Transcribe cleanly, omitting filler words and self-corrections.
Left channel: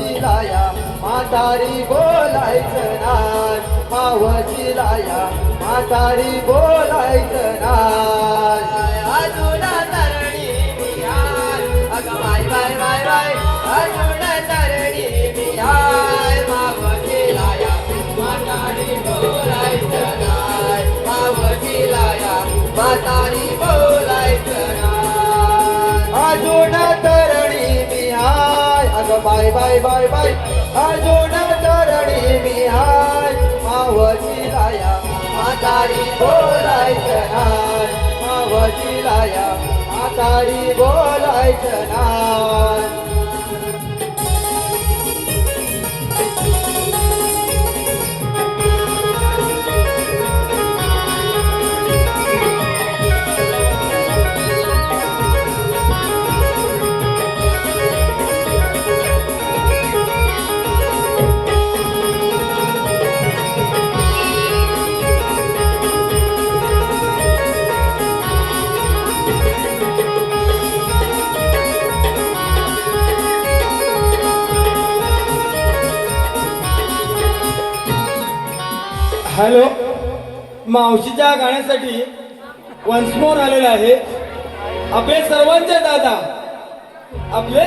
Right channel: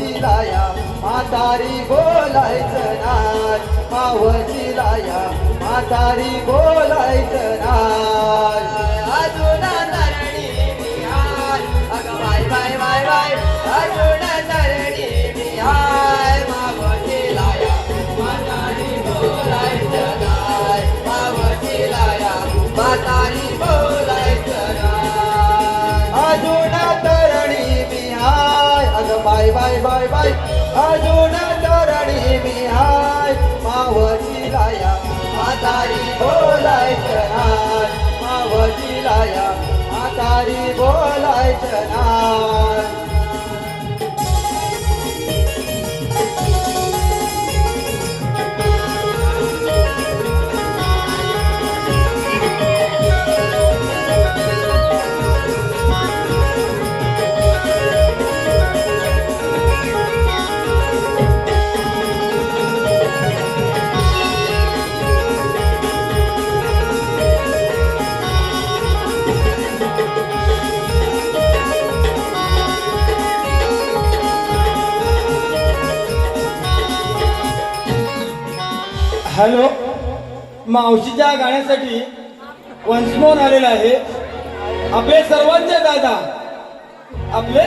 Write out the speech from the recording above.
मावशी लाया म्हातारी बोलायचं नाय, मावशी लाया म्हातारी बोलायचं नाय. अजून तरणी मी हाय, अगं बाय बाय बाय बाय. अजून तरणी मी हाय, मावशी लाया म्हातारी बोलायचं नाय, मावशी लाया म्हातारी बोलायचं नाय. अजून तरणी मी हाय, अगं बाय बाय बाय बाय. अजून तरणी मी हाय, मावशी लाया म्हातारी बोलायचं नाय, मावशी लाया म्हातारी बोलायचं नाय. हॅलो, मावशीच्या गाण्यासाठी वन्स मोर आलेला आहे आपले सर्वांचे दादा, आपले